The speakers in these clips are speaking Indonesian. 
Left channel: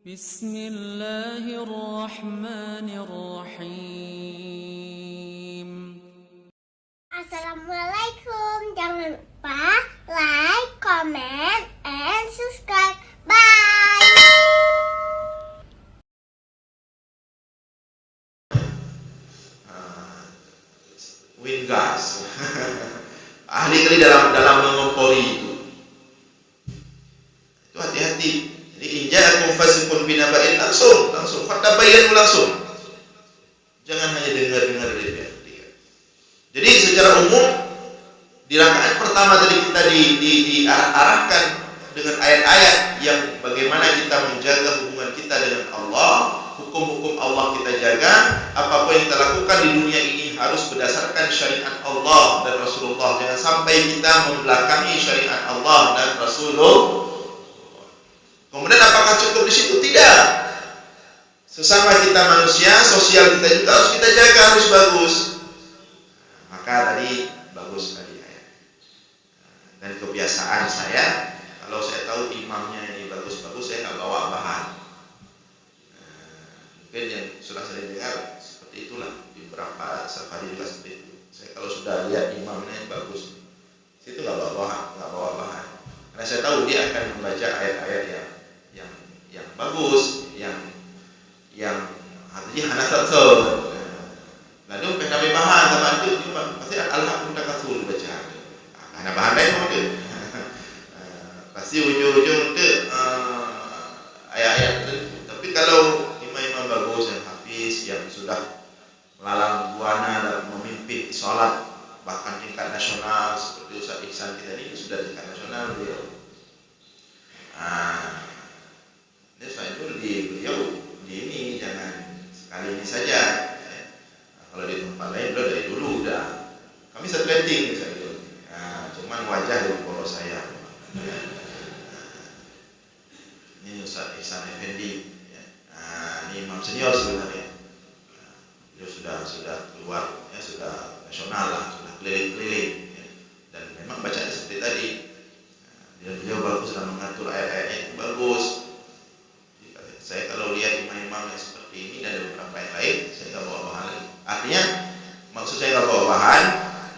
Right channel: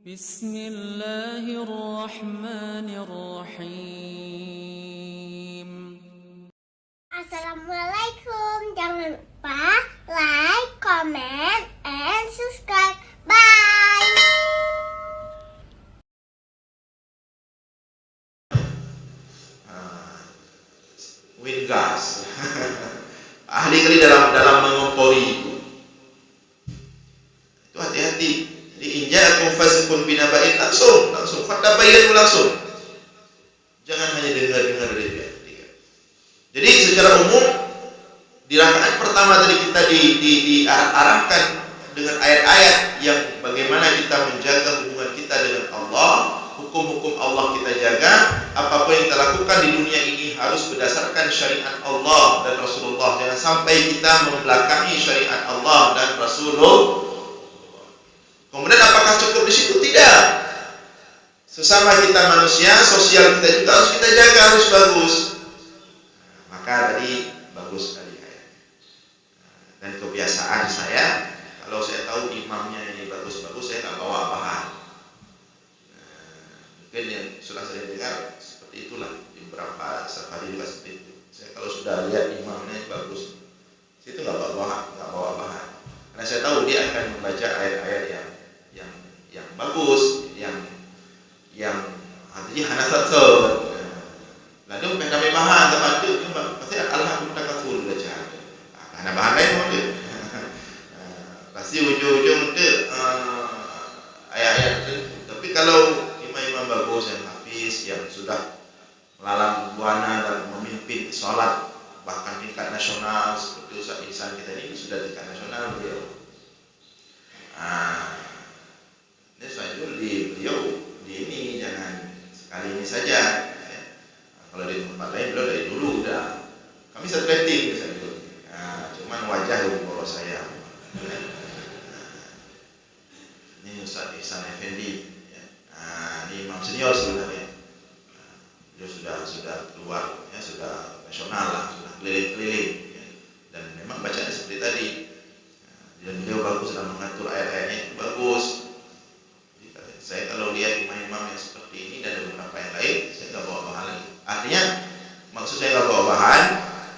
Bismillahirrahmanirrahim. Assalamualaikum. Jangan lupa like, comment, and subscribe. Bye. Wind gas. Ahli kali dalam mengompori itu hati-hati. Jadi inja'akum fasiqun binaba'in langsung fatabayyanu langsung. Jangan hanya dengar dari pihak ketiga. Jadi secara umum di rakaat pertama tadi kita diarahkan dengan ayat-ayat yang bagaimana kita menjaga hubungan kita dengan Allah, hukum-hukum Allah kita jaga, apapun yang kita lakukan di dunia ini harus berdasarkan syariat Allah dan Rasulullah. Jangan sampai kita membelakangi syariat Allah dan Rasulullah. Kemudian apakah cukup di situ? Tidak. Sesama kita manusia, sosial kita juga harus kita jaga, harus bagus. Maka tadi bagus sekali ayatnya. Dan kebiasaan saya, kalau saya tahu imamnya ini bagus-bagus, saya nggak bawa bahan. Mungkin yang sudah saya dengar seperti itulah, di beberapa safari juga seperti itu. Saya kalau sudah lihat imamnya bagus, situ nggak bawa bahan. Karena saya tahu dia akan membaca ayat-ayat yang bagus, yang artinya hana satu. Lalu kami bahan teman itu pasti al-haq mutakatsur baca. Karena bahan lain ada. Pasti ujung-ujung itu ayat-ayat tertentu. Tapi kalau imam-imam bagus yang hafiz, yang sudah melalang buana dalam memimpin salat bahkan tingkat nasional seperti Ustaz Ihsan kita ini sudah tingkat nasional beliau. Ini Sajul beliau di ini jangan sekali ini saja. Kalau di tempat lain beliau dari dulu udah. Kami satu rating Sajul. Cuman wajah lebih boros saya. Ini Ustaz Ihsan Effendi. Ini imam senior sebenarnya. Beliau sudah keluar, ya, sudah nasional lah, sudah keliling-keliling. Ya. Dan memang bacanya seperti tadi. Dan beliau bagus dalam mengatur ayat-ayatnya itu bagus. Saya kalau lihat imam-imam yang seperti ini dan ada beberapa yang lain, saya nggak bawa bahan lagi. Artinya, maksud saya nggak bawa bahan,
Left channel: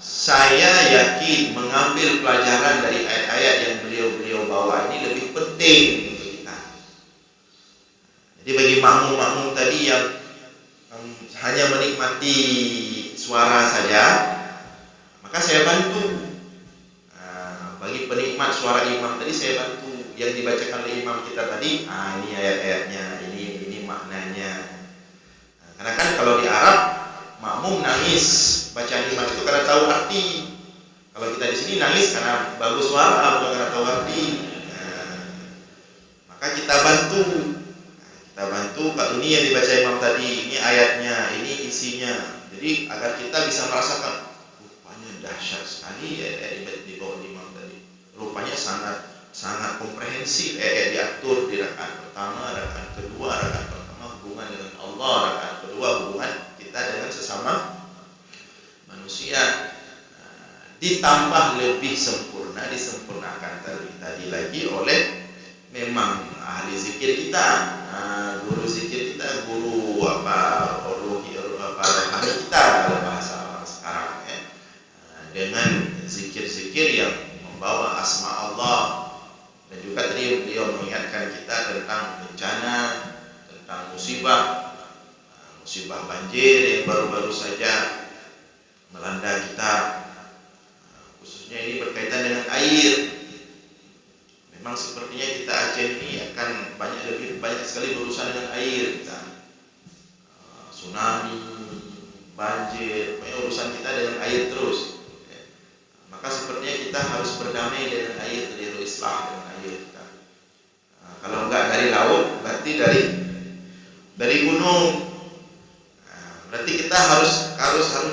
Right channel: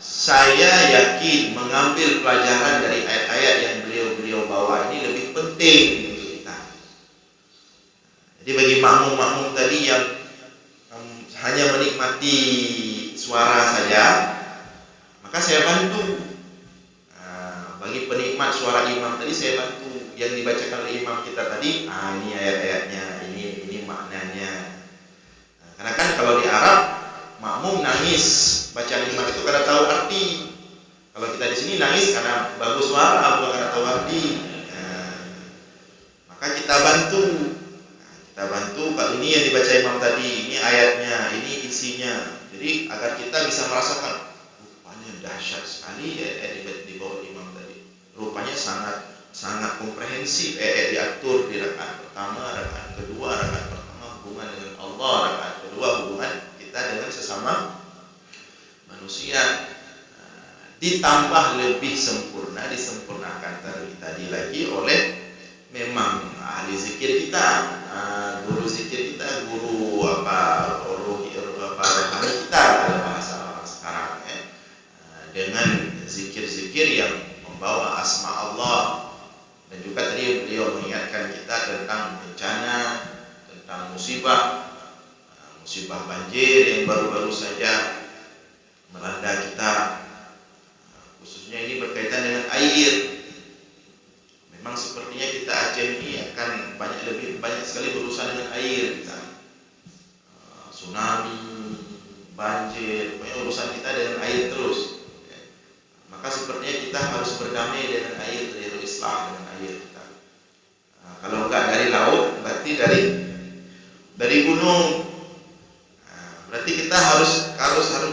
saya yakin mengambil pelajaran dari ayat-ayat yang beliau bawa ini lebih penting untuk kita. Jadi bagi makmum-makmum tadi yang hanya menikmati suara saja, maka saya bantu. Bagi penikmat suara imam tadi saya bantu. Yang dibacakan oleh imam kita tadi, ini ayat-ayatnya, ini maknanya. Karena kan kalau di Arab makmum nangis bacaan imam itu karena tahu arti. Kalau kita di sini nangis karena bagus suara, bukan karena tahu arti. Maka kita bantu. Kalau ini yang dibaca imam tadi, ini ayatnya, ini isinya. Jadi agar kita bisa merasakan rupanya dahsyat sekali ayat-ayat di bawah imam tadi. Rupanya sangat komprehensif, diatur di rakaat pertama, rakaat kedua, rakaat pertama hubungan dengan Allah, rakaat kedua hubungan kita dengan sesama manusia. Ditambah lebih sempurna, disempurnakan tadi lagi oleh memang ahli zikir kita, guru zikir kita, guru rohani kita dalam bahasa orang sekarang, ya. Dengan zikir-zikir yang membawa asma Allah. Dan juga tadi beliau mengingatkan kita tentang bencana, tentang musibah banjir yang baru-baru saja melanda kita. Khususnya ini berkaitan dengan air. Memang sepertinya kita Aceh ini akan lebih banyak sekali berurusan dengan air kita. Tsunami, banjir, pokoknya urusan kita dengan air terus. Maka sepertinya kita harus berdamai dengan air, harus islah dengan air kita. Kalau enggak dari laut, berarti dari gunung. Berarti kita harus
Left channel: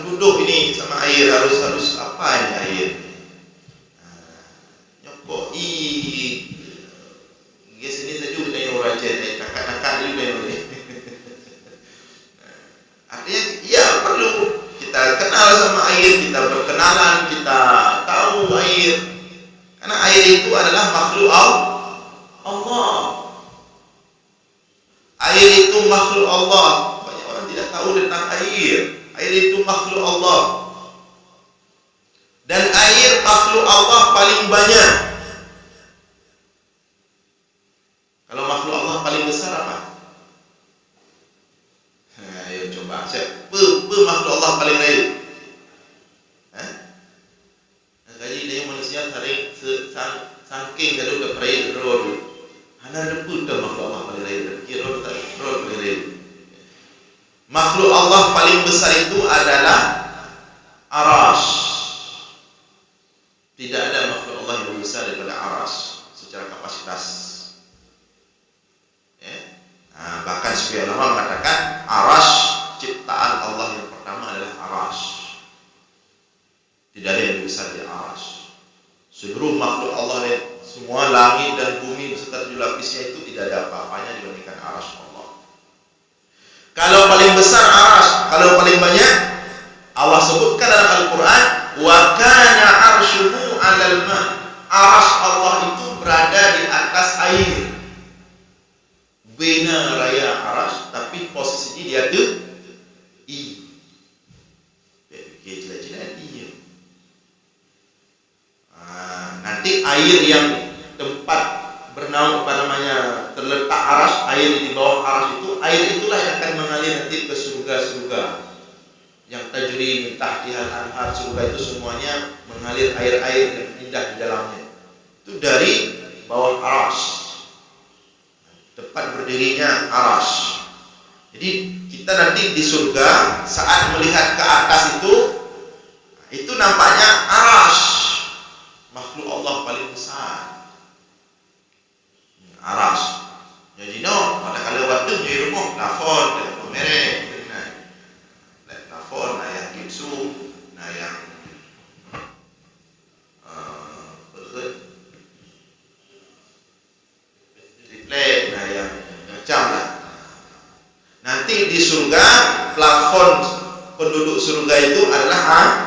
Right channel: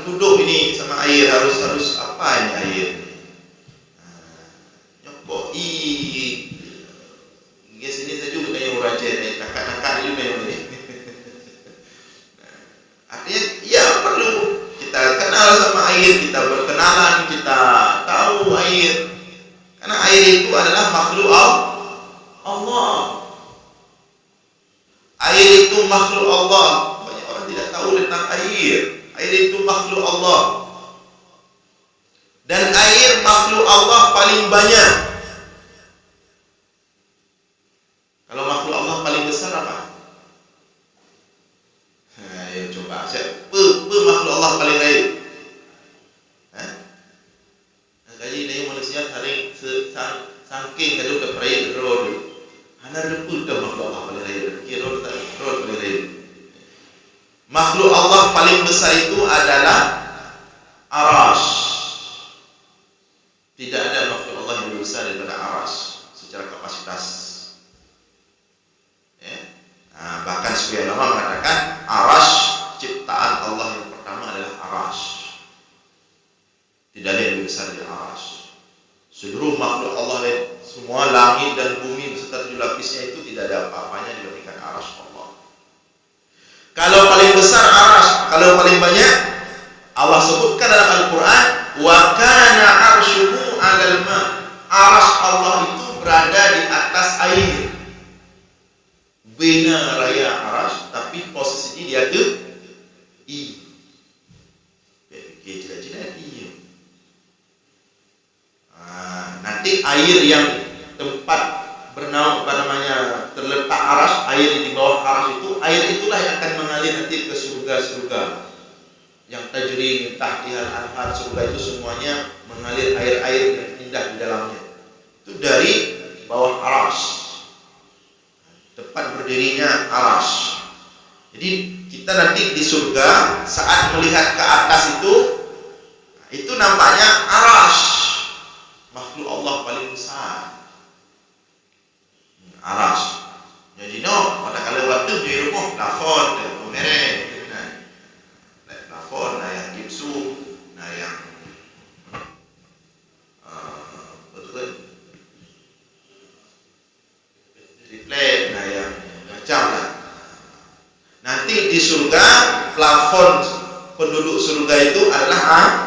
duduk ini sama air, harus apa ini air? Nyokoi, guys ini saja udah yang uraja, kakak juga yang ini. Artinya, ya perlu kita kenal sama air, kita berkenalan, kita tahu air. Karena air itu adalah makhluk Allah. Air itu makhluk Allah. Banyak orang tidak tahu tentang air. Air itu makhluk Allah. Dan air makhluk Allah paling banyak. Kalau makhluk Allah paling besar apa? Ayo coba. Siapa makhluk Allah paling raya? Kaji dia manusia tarik sangking kadu dah peraya rodu. Hanar depu dah makhluk Allah paling raya. Fikir rodu tak rodu paling raya. Makhluk Allah paling besar itu adalah Arash. Tidak ada makhluk Allah yang lebih besar daripada Arash secara kapasitas. Ya. Bahkan sebagian ulama mengatakan Arash ciptaan Allah yang pertama adalah Arash. Tidak ada yang lebih besar dari Arash. Seluruh makhluk Allah lain, semua langit dan bumi beserta 7 lapisnya itu tidak ada apa-apanya dibandingkan Arash Allah. Kalau paling besar Arash, kalau paling banyak Allah sebutkan dalam Al-Quran, wa kana arshuhu 'alal ma. Arash Allah itu berada di atas air. Bina raya Arash, tapi posisinya dia tu I. Fikir jelas-jelas dia. Nanti air yang tempat bernaung terletak Arash, air di bawah Arash itu, air itulah yang akan mengalir nanti ke surga-surga. Yang tajri min tahtihal anhar, surga itu semuanya mengalir air-air yang indah di dalamnya. Itu dari bawah Arash. Tempat berdirinya Arash. Jadi kita nanti di surga saat melihat ke atas itu nampaknya Arash. Makhluk Allah paling besar. Arash. Jadi pada kala waktu di rumah plafon dengan merek dengan plafon yang gipsum, yang triplek, yang macam lah. Nanti di surga plafon penduduk surga itu adalah Arash.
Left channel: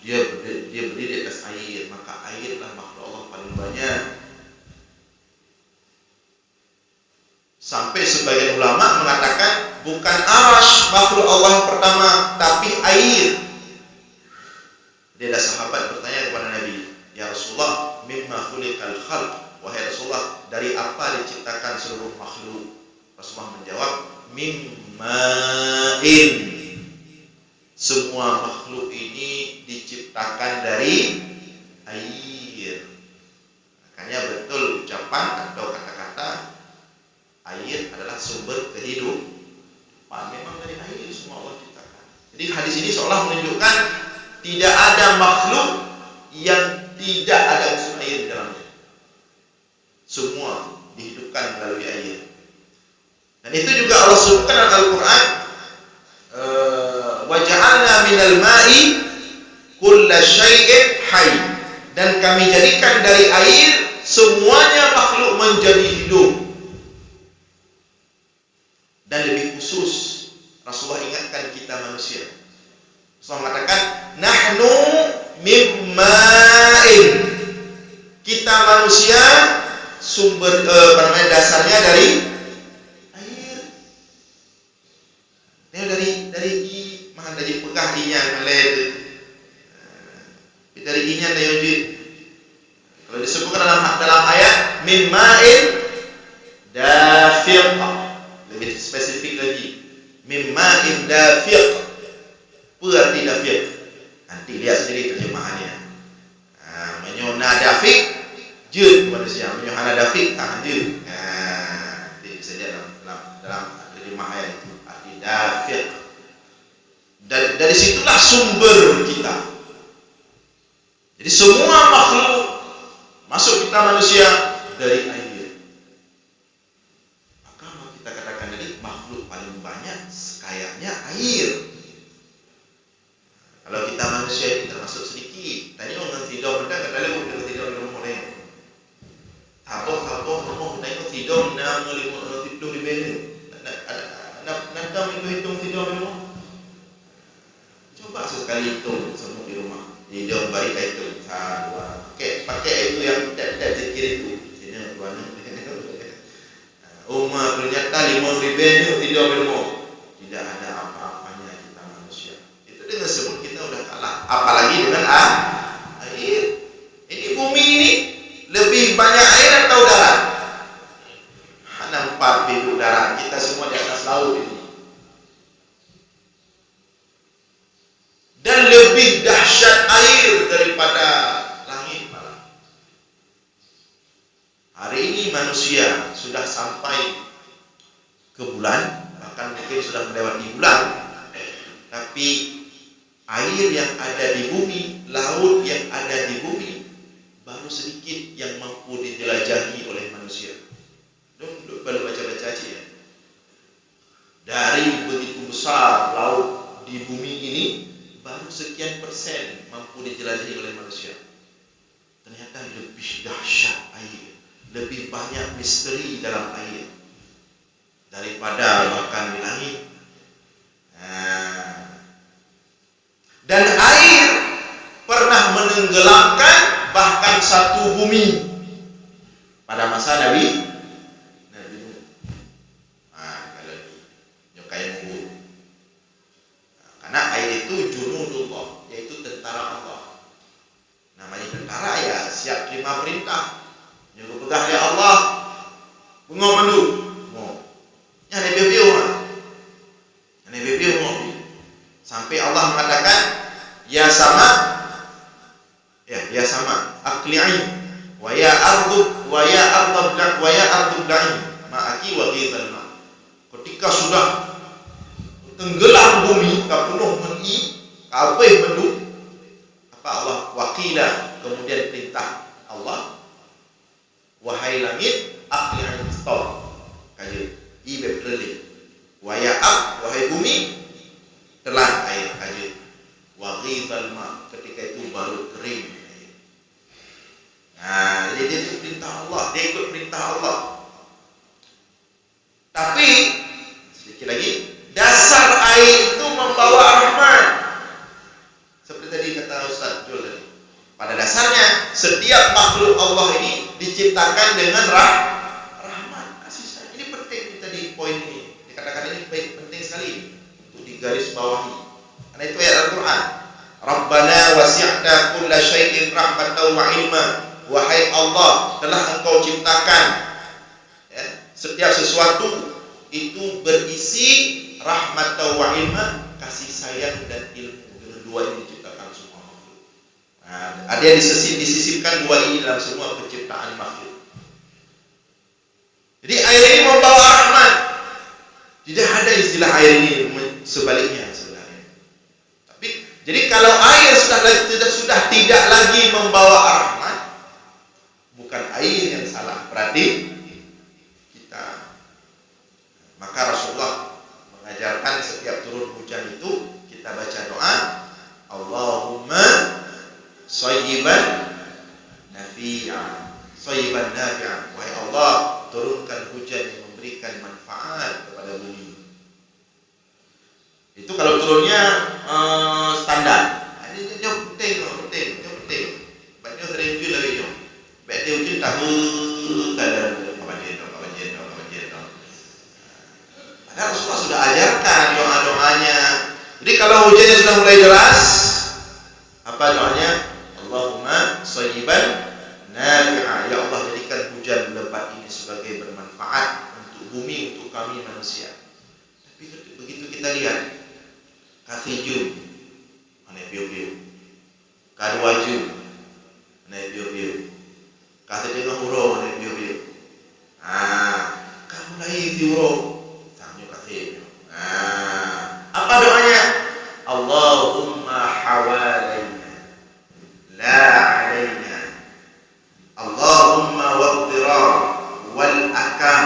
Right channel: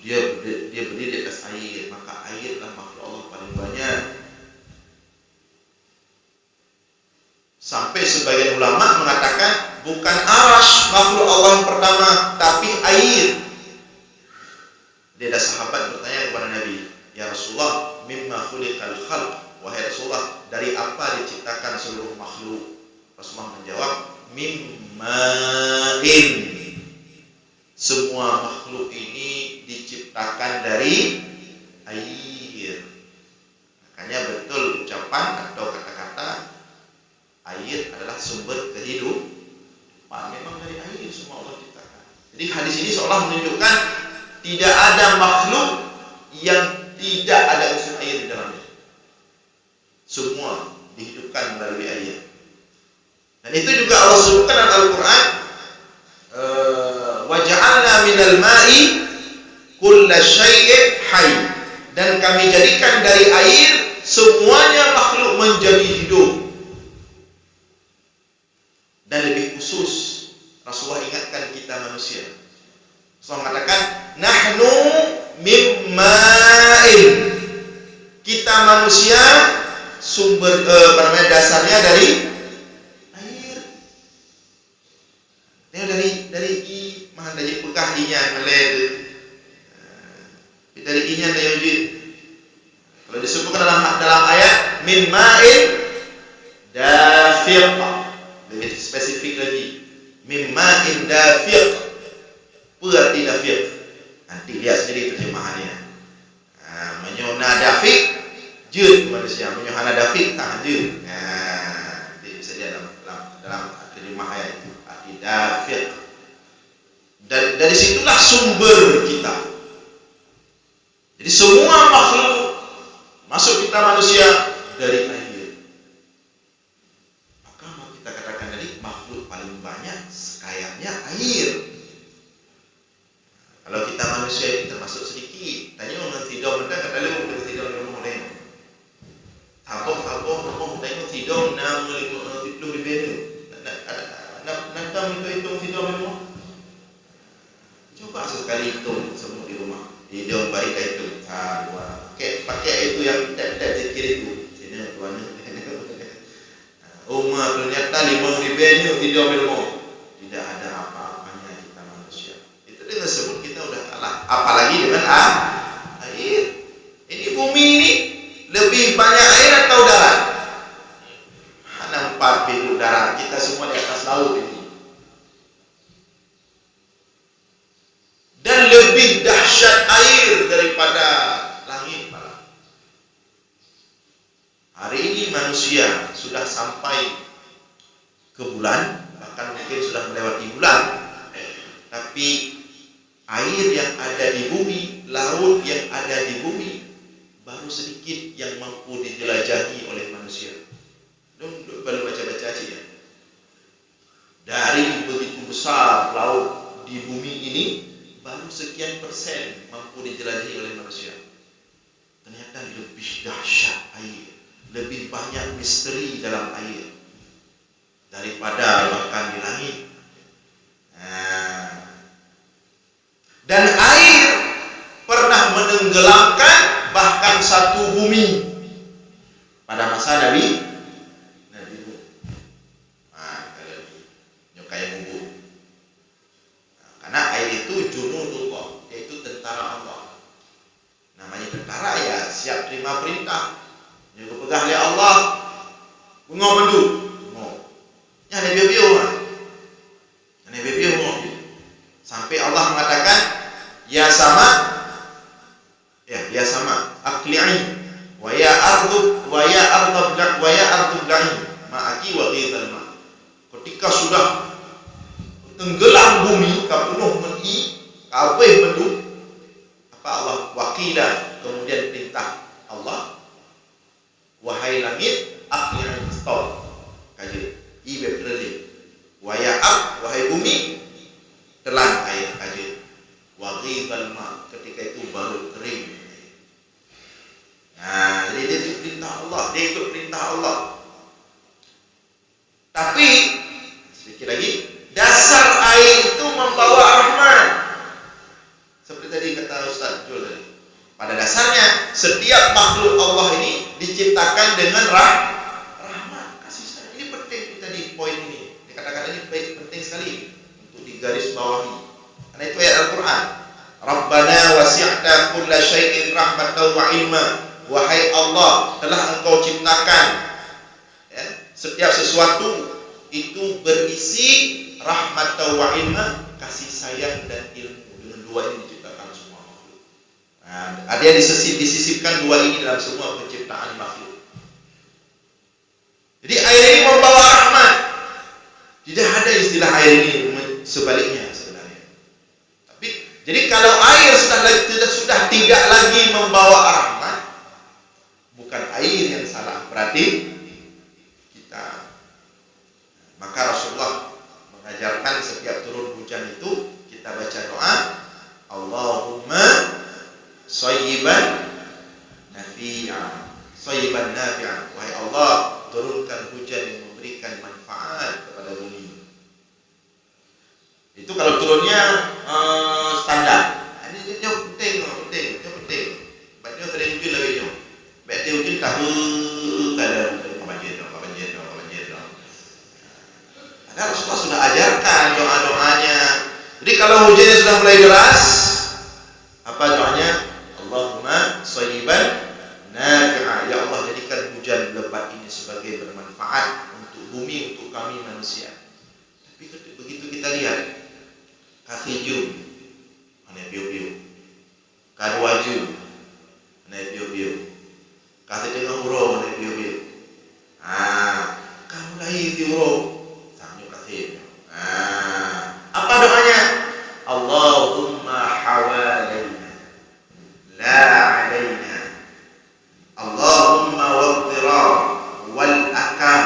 Dia berdiri di atas air, maka airlah makhluk Allah paling banyak. Sampai sebagian ulama mengatakan bukan Arash makhluk Allah yang pertama, tapi air. Dia ada sahabat bertanya kepada Nabi, "Ya Rasulullah, mimma khuliqal khalq?" Wahai Rasulullah, dari apa diciptakan seluruh makhluk? Rasulullah menjawab, "Mimma'in." Semua makhluk ini diciptakan dari air. Makanya betul ucapan atau kata-kata air adalah sumber kehidupan. Memang dari air semua Allah ciptakan. Jadi hadis ini seolah menunjukkan tidak ada makhluk yang tidak ada unsur air di dalamnya. Semua dihidupkan melalui air. Dan itu juga Allah sebutkan dalam Al-Quran, wa ja'alna minal ma'i kulla syai'in hayy. Dan kami jadikan dari air semuanya makhluk menjadi hidup. Dan lebih khusus Rasulullah ingatkan kita manusia. Rasulullah mengatakan, nahnu mimma'in. Kita manusia sumber dasarnya dari air. Ini dari i mahan tajik pekah inya malai tu. Dari inya tayujud. Kalau disebutkan dalam ayat min ma'in dafiq, lebih spesifik lagi, min ma'in dafiq. Apa arti dafiq? Nanti lihat sendiri terjemahannya. Menyona dafiq jud manusia, menyohana dafiq tak jud. Nanti bisa lihat dalam terjemah ayat itu arti dafiq. Dari situlah sumber kita. Jadi semua makhluk masuk kita manusia dari air. Maka kita katakan tadi makhluk paling banyak sekayanya air. Kalau kita manusia itu termasuk sedikit. Tanya orang tidur benda kata lu boleh tidur di rumah orang. Taboh tengok tidur 60 ribu. Nak hitung tidur di rumah. Coba sekali hitung semua di rumah. Hidung bari itu, pakai itu yang tab zikir itu. Sini tuan. Umar punya kata 5 ribu tidur minum. Tidak ada apa-apanya kita manusia. Itu dengan sebut kita udah kalah. Apalagi dengan air. Ini bumi ini lebih banyak air atau darat? Hanya 4 pintu darat. Kita semua di atas laut ini. Dan lebih dahsyat air daripada langit malah. Hari ini manusia sudah sampai ke bulan, bahkan mungkin sudah melewati bulan, tapi air yang ada di bumi, laut yang ada di bumi, baru sedikit yang mampu dijelajahi oleh manusia. Baru baca-baca aja ya. Dari begitu besar laut di bumi ini, baru sekian persen mampu dijelajahi oleh manusia. Ternyata lebih dahsyat air, lebih banyak misteri dalam air daripada bahkan di langit. Dan air pernah menenggelamkan bahkan satu bumi pada masa Nabi Nuh. Kalau di Nyokai Mubur. Karena air itu junudullah, yaitu tentara Allah. Namanya tentara ya siap terima perintah. Yang pegang oleh Allah, bengok mandu. Yang Nabi Nabi sampai Allah mengatakan ya sama aqli'i wa ya ardu bla'i ma'aki wa ghidhal ma. Ketika sudah tenggelam bumi kapenuh meni kabeh mendung, apa Allah wakila, kemudian perintah Allah, wahai langit aqli'i, stop kaje ibe berlih, wa ya ab, wahai bumi telan air kaje, wa ghidhal ma, ketika itu baru kering. Nah, jadi dia ikut perintah Allah, dia ikut perintah Allah. Tapi sedikit lagi, dasar air itu membawa rahmat. Seperti tadi kata Ustaz Jul tadi. Pada dasarnya setiap makhluk Allah ini diciptakan dengan rahmat, kasih sayang. Ini penting kita di poin ini. Dikatakan ini penting sekali untuk digaris bawahi. Karena itu ayat Al-Qur'an. Rabbana wasi'ta kulla syai'in rahmatan wa ilma. Wahai Allah, telah Engkau ciptakan ya, setiap sesuatu itu berisi rahmatan wa ilma, kasih sayang dan ilmu. Dengan dua ini diciptakan semua makhluk. Nah, ada yang disisipkan dua ini dalam semua penciptaan makhluk. Jadi air ini membawa rahmat. Tidak ada istilah air ini sebaliknya sebenarnya. Tapi jadi kalau air sudah tidak lagi membawa rahmat, bukan air yang salah, berarti kita. Maka Rasulullah mengajarkan setiap turun hujan itu kita baca doa, Allahumma sayyiban nafi'an, sayyiban nafi'an. Wahai Allah, turunkan hujan yang memberikan manfaat kepada bumi. Itu kalau turunnya standar. Ini penting. Baiknya sering hujan lagi nyo. Baiknya hujan tahu kada kapan jendong. Ada Rasulullah sudah ajarkan doa-doanya. Jadi kalau hujannya sudah mulai deras, apa doanya? Allahumma sayyiban nafi'a. Ya Allah, jadikan hujan lebat ini sebagai bermanfaat untuk bumi, untuk kami manusia. Tapi begitu kita lihat, kasiju, mana piu-piu, kaduaju, mana piu-piu, kasih tengah huruf, mana piu-piu. Kamu lagi huruf. Apa doanya? Allahumma hawalaina la alaina. Allahumma waddirar wal akam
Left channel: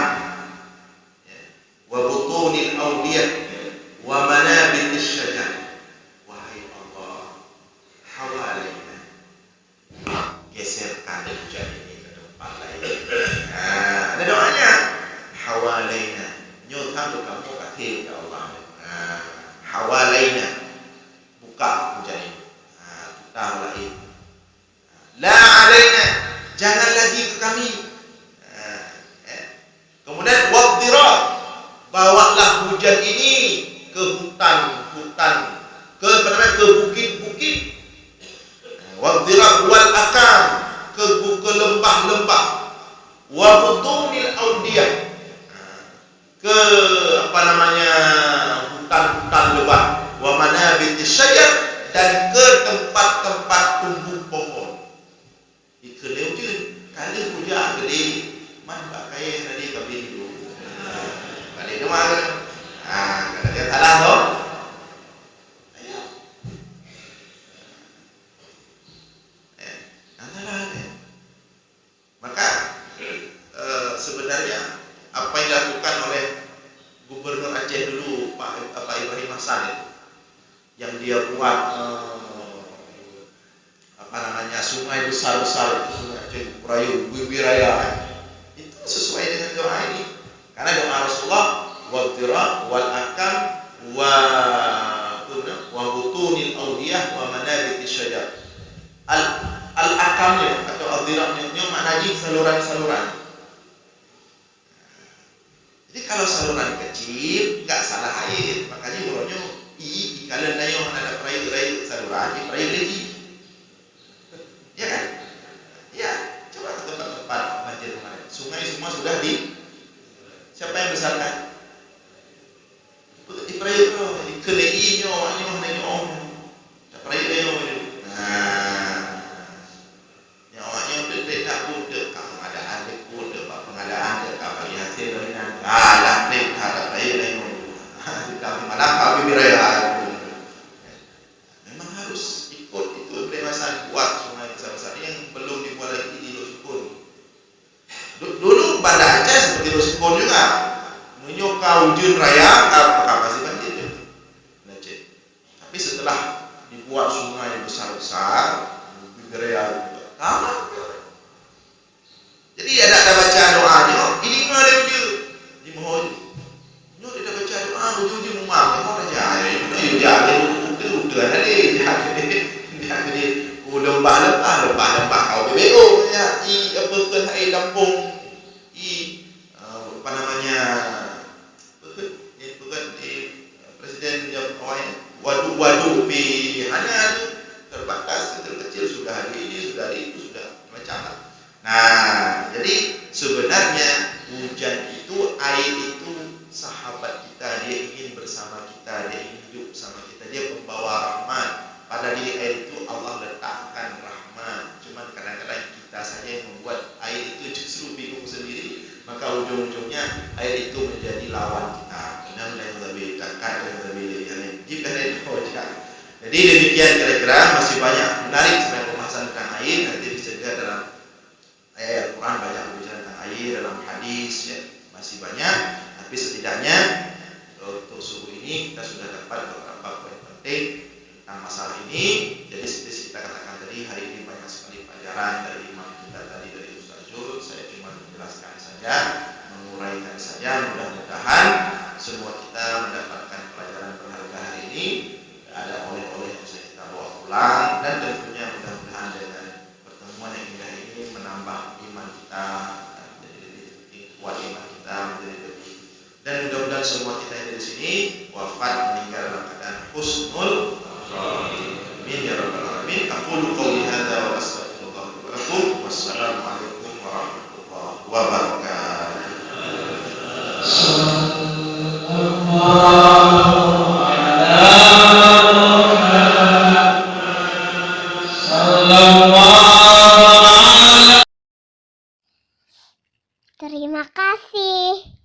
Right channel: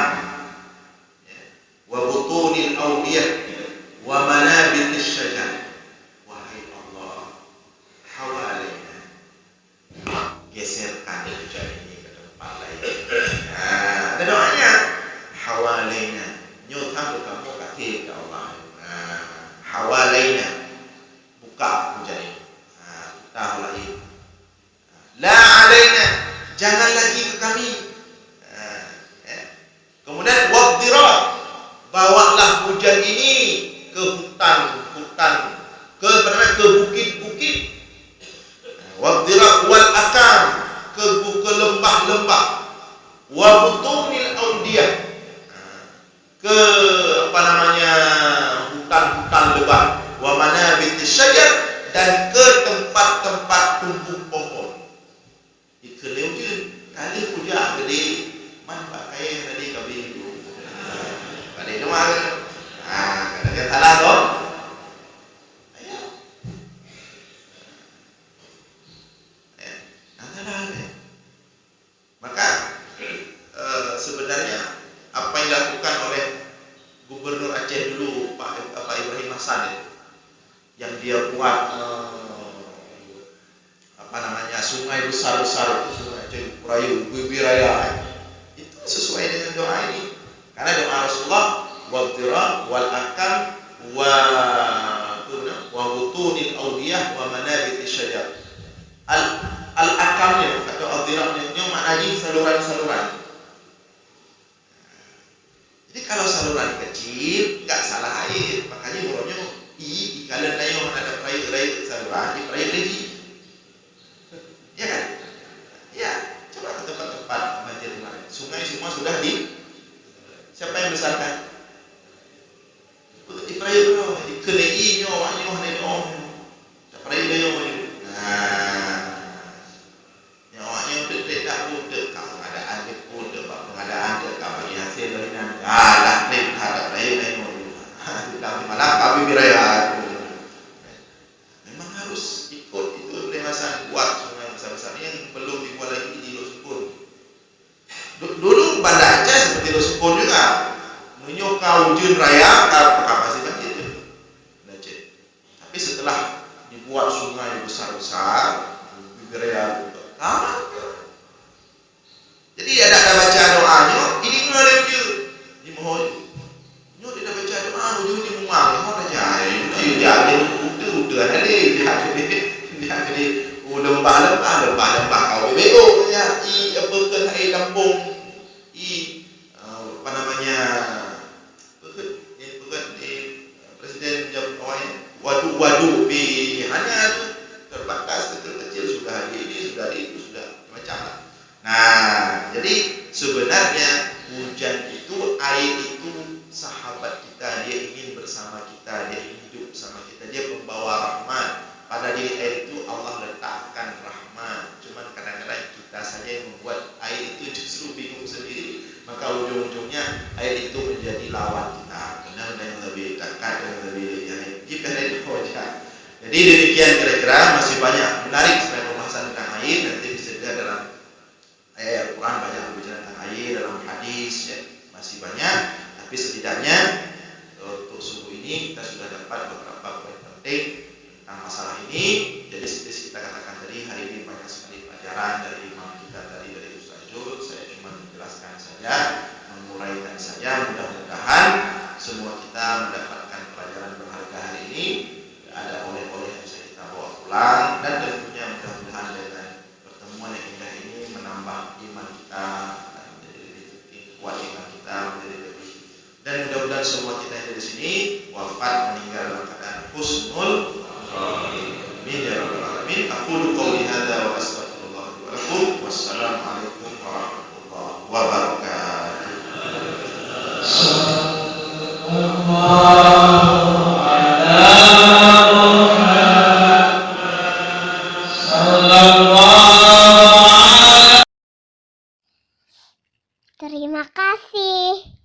wa butunil awdiyah wa manabitis syajar. Wahai Allah, hawalaina, geserkan hujan ini ke tempat lain. Ada doanya, hawalaina, nyotang ke kamu kaki ya Allah. Hawalaina, buka hujan ini. Kita holain. La alaina, jangan lagi ke kami. Kemudian waddirat, bawalah hujan ini ke hutan-hutan, ke bukit-bukit, waddirab wal akam, ke lembah-lembah, wa butunil audiyah, ke hutan-hutan lebat, wa manabitis syajar, dan ke tempat-tempat tumbuh pohon. Ikeleu je kali puja gede man pakai tadi kabin dulu. Kali cuma kan. Kata dia salah toh. Ayo. Salah deh. Maka sebenarnya apa yang dilakukan oleh Gubernur Aceh dulu Pak Ibrahim Hasan itu, yang dia buat sungai besar-besar itu, sungai Aceh Perayu, Bibiraya, itu sesuai dengan doa ini. Karena doa Rasulullah, waddirab wal akam wa butunil audiyah wa manabitis syajar. Al akamnya atau al-dirabnya maknanya saluran-saluran. Jadi kalau saluran kecil enggak salah air, makanya huronyo ikalan dayo ada perayu saluran, perayu leji. Ya kan? Ya, coba ke tempat-tempat banjir kemarin. Sungai semua sudah siapa yang besarkan? Perayu ikelei nyo perayu dayo. Tak budak pengadaan dia budak pengadaan dia bagi hasil lahinan dah ada raya lain di malam kami biraya memang harus ikut itu peremasan buat sungai besar-besar yang belum dibuat lagi di Losukun. Dulu Banda Aceh seperti Losukun juga menyokau ujun raya kapasitas banjir je Aceh. Tapi setelah dibuat sungai besar-besar biraya tamat. Jadi ada baca doanya, ini ngale je. Di mohon. Nyo dia baca doa ujung-ujung mumang, mau aja. Itu jadi udah ada deh. Jadi lembah kau BBO ya. Apa kan hai kampung Presiden jam waduk pi hanya terbatas kecil-kecil sudah ada ini, sudah ada itu, sudah macam lah. Nah, jadi sebenarnya hujan itu, air itu sahabat kita, dia ingin bersama kita, dia ingin hidup bersama kita, dia pembawa rahmat. Pada diri air itu Allah letakkan rahmat. Cuman kadang-kadang kita saja yang membuat air itu justru bingung sendiri, maka ujung-ujungnya air itu menjadi lawan kita. Kenal dan lebih dekat dan lebih jika itu saja. Jadi demikian kira-kira, masih banyak menarik sebenarnya pembahasan tentang air, nanti bisa dilihat dalam ayat Al-Quran, banyak berbicara tentang air, dalam hadis ya, masih banyak. Tapi setidaknya untuk subuh ini kita sudah dapat beberapa poin penting tentang masalah ini. Jadi seperti kita katakan tadi, hari ini banyak sekali pelajaran dari imam kita tadi, dari Ustaz Jul. Saya cuma menjelaskan saja, menguraikan saja. Mudah-mudahan semua kita mendapatkan pelajaran berharga hari ini. Ada oleh-oleh yang bisa kita bawa pulang, dan tentunya mudah-mudahan dengan pertemuan yang indah ini menambah iman kita, menjadi lebih kuat iman kita, menjadi lebih, dan mudah-mudahan semua kita yang ada di sini wafat meninggal dalam keadaan husnul khotimah ya rabbal alamin. Aqulu qouli hadza wa astaghfirullah li wa lakum. Wassalamu alaikum warahmatullahi wabarakatuh. Terima kasih.